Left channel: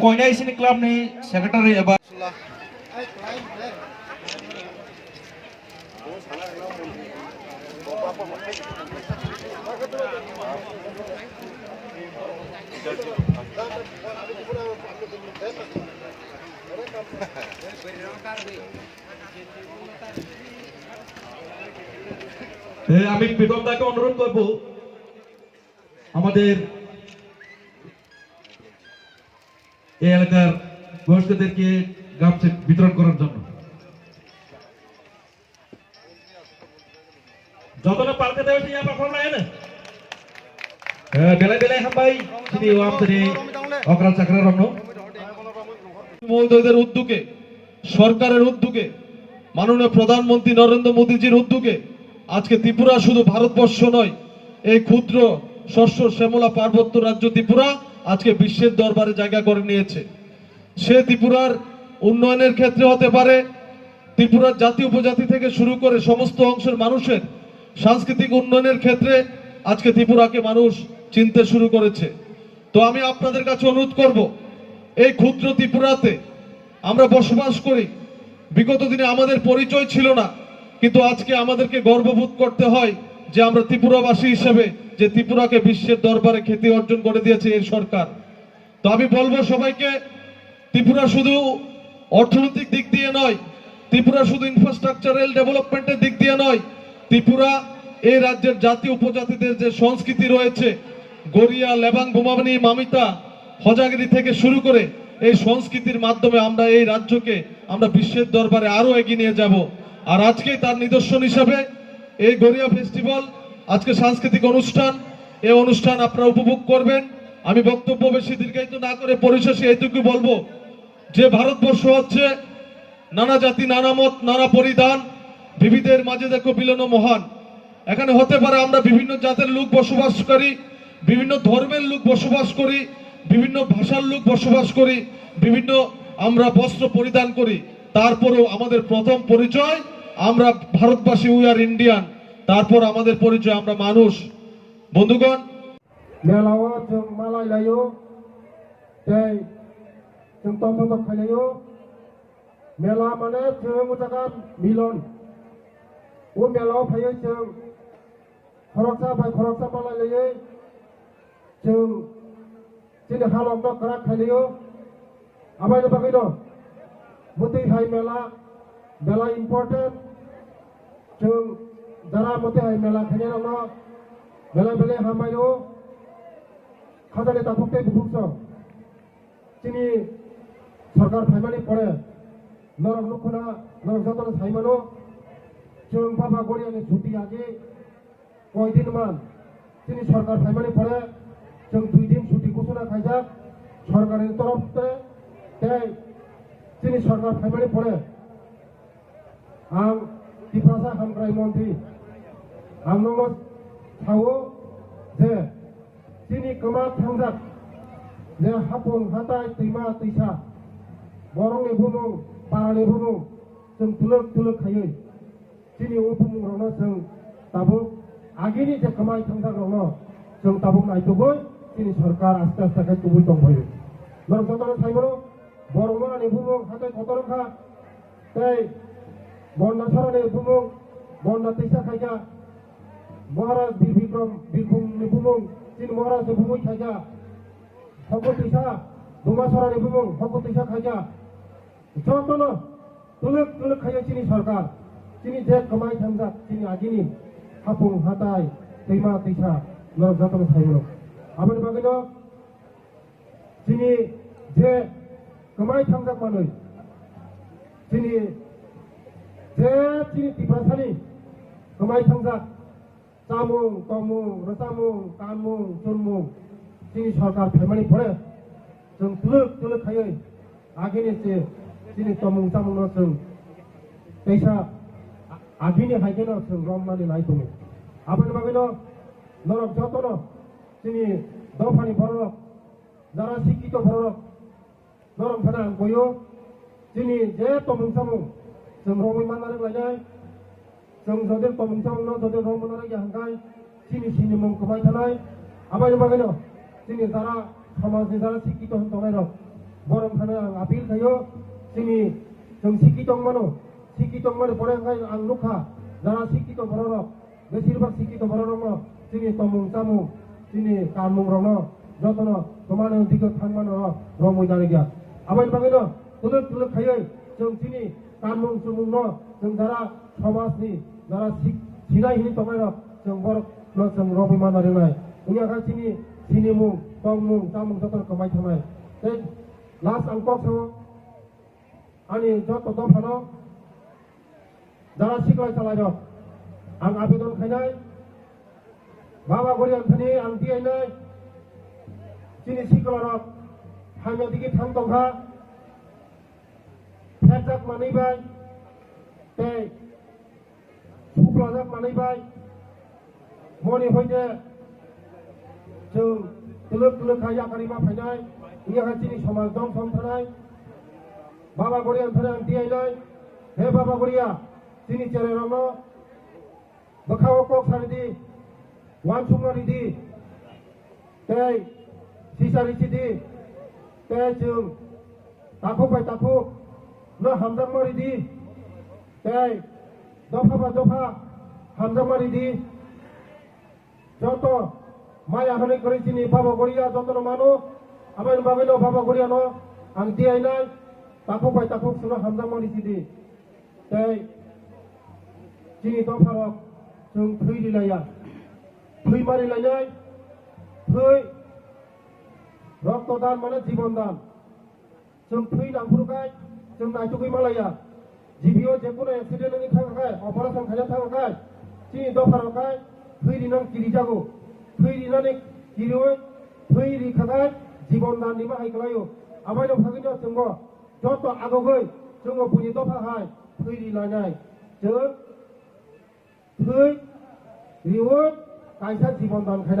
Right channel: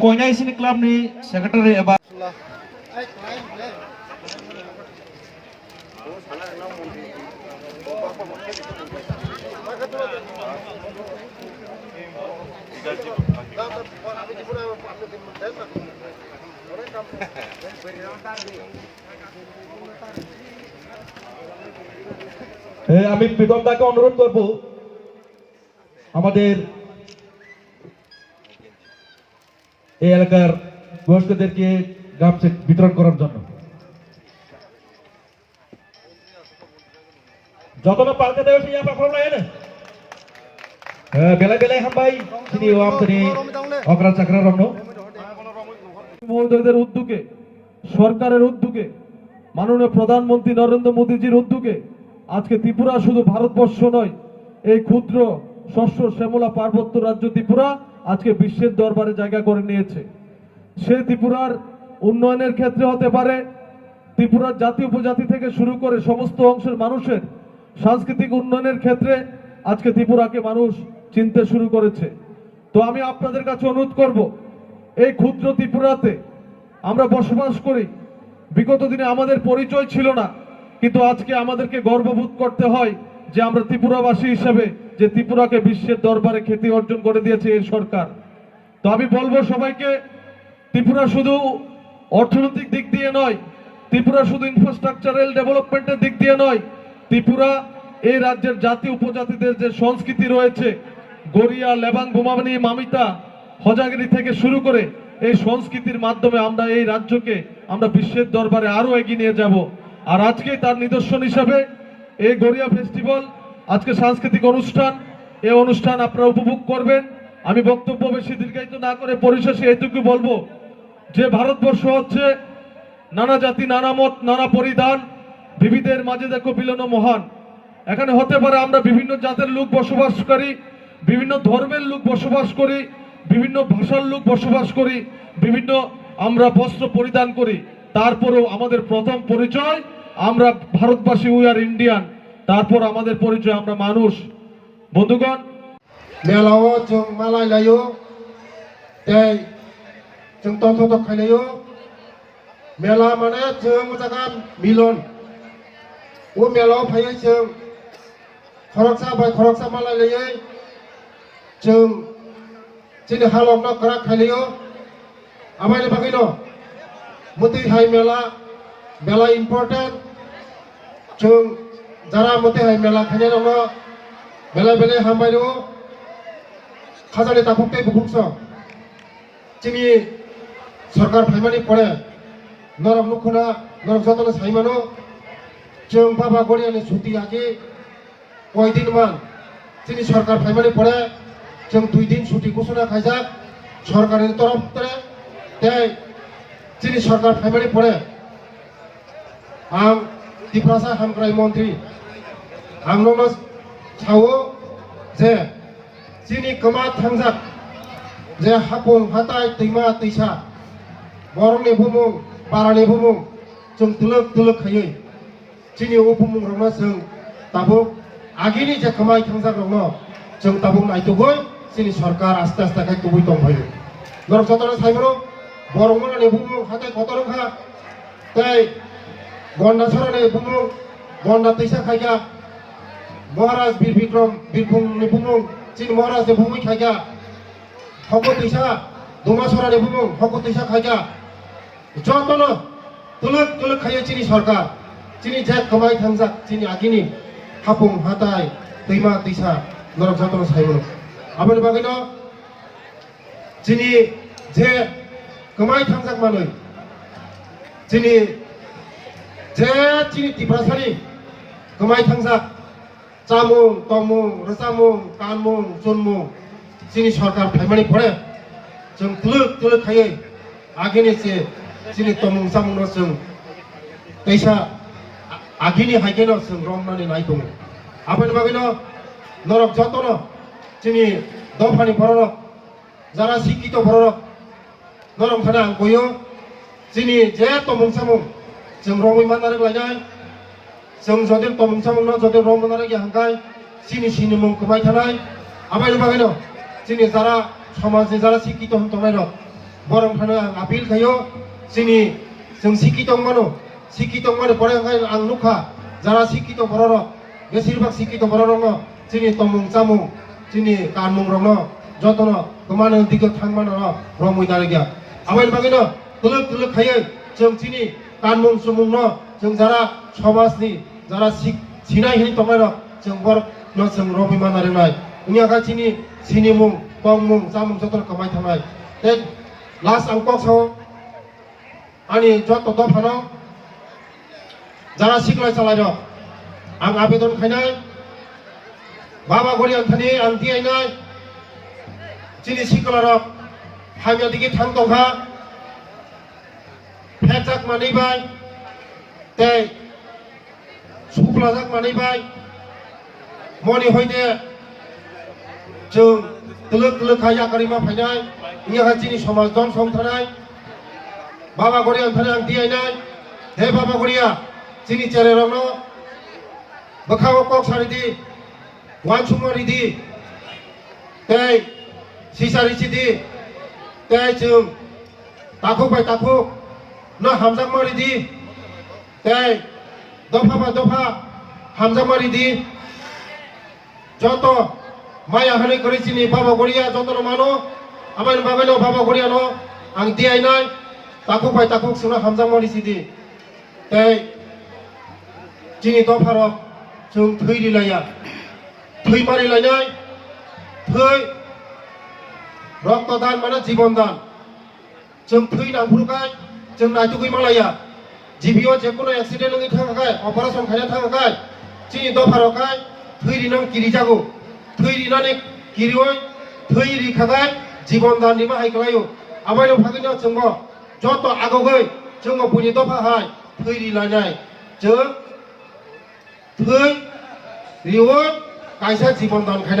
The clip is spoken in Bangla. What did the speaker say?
कोयना इसिनी क्लब नि सेक्रेटरी एबा আমি বিগমদাকে অনুরোধ করব আমাদের এই এলাকার বয়স্কদেরকে গ্রাম চেক বিতরণ করার জন্য যতটা পালকে দেওয়া হয়েছে apa kalau lain bela-bela hambai sini warm থেকে অগ্রা চাকরা রমন মহোদয়দের উদ্যোগে সরকারের উদ্যোগে মাননীয় প্রধানমন্ত্রী নরেন্দ্র মোদীজির উদ্যোগে আজকে ত্রিপুরা শুধু ভারতবর্ষ নয় এই ক্ষুদ্র শস্য শ্যামলা পার্বত্য রাজ্য ত্রিপুরা আজকে বিশ্বের দরবারে জায়গা করে নিয়েছে সে ত্রিপুরার উন্নয়নের ক্ষেত্রে হতে পারে ত্রিপুরার জাতি উপজাতি থেকে শুরু করে সমস্ত অংশের মানুষের সাংস্কৃতিক উন্নয়নের ক্ষেত্রে আজকে ত্রিপুরাকে মানুষ চিনতে শুরু করেছে তো আমি আপনাদের কাছে অনুরোধ করব এই ক্ষুদ্র ত্রিপুরাতে আমরা বসবাস করি বিগত দিনে আমাদের পরিচয় ছিল না কিন্তু আজকে আমাদেরকে গর্ববোধ করতে হয় যে আমরা ত্রিপুরাবাসী হিসেবে যে ত্রিপুরাকে বিশ্বের দরবারে খ্যাতি অর্জন করে দিয়েছে এই সরকার তো আমি বলবো সবাইকে ত্রিপুরা শুধু অর্থনৈতিক দিক দিয়ে নয় ত্রিপুরা শুধু ইনফ্রাস্ট্রাকচারাল ডেভেলপমেন্টের দিক দিয়ে নয় ত্রিপুরা এই রাজ্যের জাতি উপজাতিদের যে সংস্কৃতি রয়েছে গড়িয়া লেবাং বোমাবানি মামিতা হজাগিরি থেকে শুরু করে এই সংস্কৃতির মাধ্যমে আমরা এই রাজ্যকে আমরা বিশ্বের দরবারে আরো এগিয়ে নিয়ে যাব আর আজকে তার নিদর্শন হিসেবে এই গড়িয়া ফেস্টিভ্যাল আজকে সাংস্কৃতিক অনুষ্ঠান এই অনুষ্ঠান আপনারা উপভোগ করবেন আমি বক্তব্য বেশি দীর্ঘায়িত না করে পরিশেষে এটুকু বলবো যে ভারতবর্ষ হচ্ছে নানা জাতি নানা মত নানা পরিধান বিবিধের মাঝে দেখো মিলন মহান এখানে হতে পারে আমরা বিভিন্ন জাতের লোক বসবাস করি বিভিন্ন ধর্মের লোক বসবাস করি বিভিন্ন ভাষার লোক বসবাস করি বিভিন্ন আমরা বস্ত্র পরিধান করি তারপরেও আমাদের প্রথম পরিচয় আমরা ভারতবাসী উই আর ইন্ডিয়ান তারপর আমাদের পরিচয় আমরা মানুষ বন্ধুগণ মেলাও जों मालाय लायो तै जों तन्थ खायलायो मेला माने जों जागा मिलन ओ मेलाव फैयो जों खरकसा बाय खरकसा मालाय लायो जों जोंनि हालमना करा खायलायो आमायनो बागैनो मते हाय मेला इम्पोर्टेन्ट जों जारा मते हाय मेला खायनो मेला बेले हामबायनो खाजानि ताफुकते बुकुंसो जोंनि सरकार फायमानि परे नरक नुखुना नरक जतन साइमानो जों बाबा गड़ियानि छुट्टी आगे कय दिन मान जोंनि सरकार फायमानि परे जों 2 दिन छुट्टी घोषणा खायजाक सरकारनि तरफ तै जोंनि सरकार फायमानि परे आं त्रिपुरा हामग्राय मन्त्रि आं नोंनो सावो जे जोंनि गोमा थांजाक जे हापुं हाथाय दैमा दैसा बरंनि बुमुं बारानि बुमुं जों दुलुक दुलुक खायै जोंनि बुमुं रंना जों दाबो आगेनि जे गोमाय थांजाक रंनो जों दाबो नायथुगै जोंनि सरकार आस्ते आस्ते खाय गुबै दंफायो नरक जतन साइमनो बरंमनानि बुमुं हाथाय खतरखा तै गन्डासरानि बुमुं गन्डा दैसा खायगा महाराज बीर विक्रम बीरभूमनि बुमुं चीन महाराज बुमुं खायगा हको दैसा दुमासरानि बुमुं हको दैसा खायगा जतन तुलुक तुलुक खायो चीनी सरकार चीनी जे कमाय थांजाक चीनी आगिनि हापुं हाथाय दैमा दैसा नरक जतन साइमनो आबानि बागैनो चीनी जे कमाय थांजाक मानै चीनी जे चीनी त्रिपुरासानि कमाय थांजाक चामुं तमुं रसामुं कानमुं चुनमुं चीनी सरकार फायमानि परे जों तुलुक तुलुक खायै आगेनि जे चीनी तमुं चामुंनो जों दैसा आगेनि हायगेनो जों रमनानै नायदों 아버님 바기노 너럭 저또노 지니 너파니 벌어럭 자라 시키도 벌어럭 너럭 하나 안 보여 지니 제또 뭉사뭉 지금 로무이 만나는 거냐 지금 저들 또 뭉사뭉 저들 로무 나는 게 한가이 지니 시니뭉 그마이 타나이 아버님 바기노 지니 자라 서만시 자라 시키도 한동나이로 뭐랑 하나 아빌 가요 지니 지금 시키도 만에 버려가이 앙누카 자라 시키도 벌어럭 বেশিরভাগ শিক্ষিত বড় যিনি তমুং চামুং যিনি কানমুং রং যতন কমানো দিকে থাকমানো রমই দাঁড়িয়ে আবার বাকি তুলুক তুলুক খাইয়ে जों যিনি কানমুং সুমুং जों যারা সমাজনি যারা সিনাই হিনি তমাই जों बर जों রবিমান আরেনাই উনি আকা যিনি সিনিমুং তমুং চামুং যতন কমাই থামাই তে লাস্ট আং কক সাও আনি যত দফানো যারা শিখলাই চালাই आं आवेदन खायनाय बाबा गरि आंथानि आं दियायनाय जिनि सिकलारक हामिया दिगि थां दंहा फेजाक मानैबाय ते सुक्लाजाक मानैबाय मनि होयदे जों तुलुक तुलुक खाया करिमा फायनाय इयाहा जिनि समाज दन संथानाय बाबा गरि आंथानि आं दियायनाय हे बाबा गरिया जिनि चेरेरनो बखाव कक सारिदी वान सुमारिदी ते सिसारिसिदी ते जों ताखु बाय ताखु ना हामजाक मारिदी ते दफा बा दफा हामजाक मारिदी जतो माया हानि करिसिनि बाबा गरिया जतो मानो आमाय बाबानो बाबा गरिया न आं दियायनाय ताखु बाय ताखु सुना हामजाक मारिसिदी ते जिनि दफारक जों थैलिलाया थै मारिलायनाय थै रक्तदान माने जीवन दान जों थै नांगुरखाय जों नायथुगै मालाया जिबियाव जेखुनु एक्सिडेन्ट नोंनि थाखाय अपारेशन खायनो थाखाय जिनि दफारखाय थै रिनां किरि जागौ थै रिनानै किरिवै थै रिखाखाय जीवन दाननि बाहायखालायो आबायनो फागिनो जोंबो जत आगौगै जोंबो बुनि दफाहाय थै रिलायनाय जों थै रिवोट कायसा जीवन दान खायना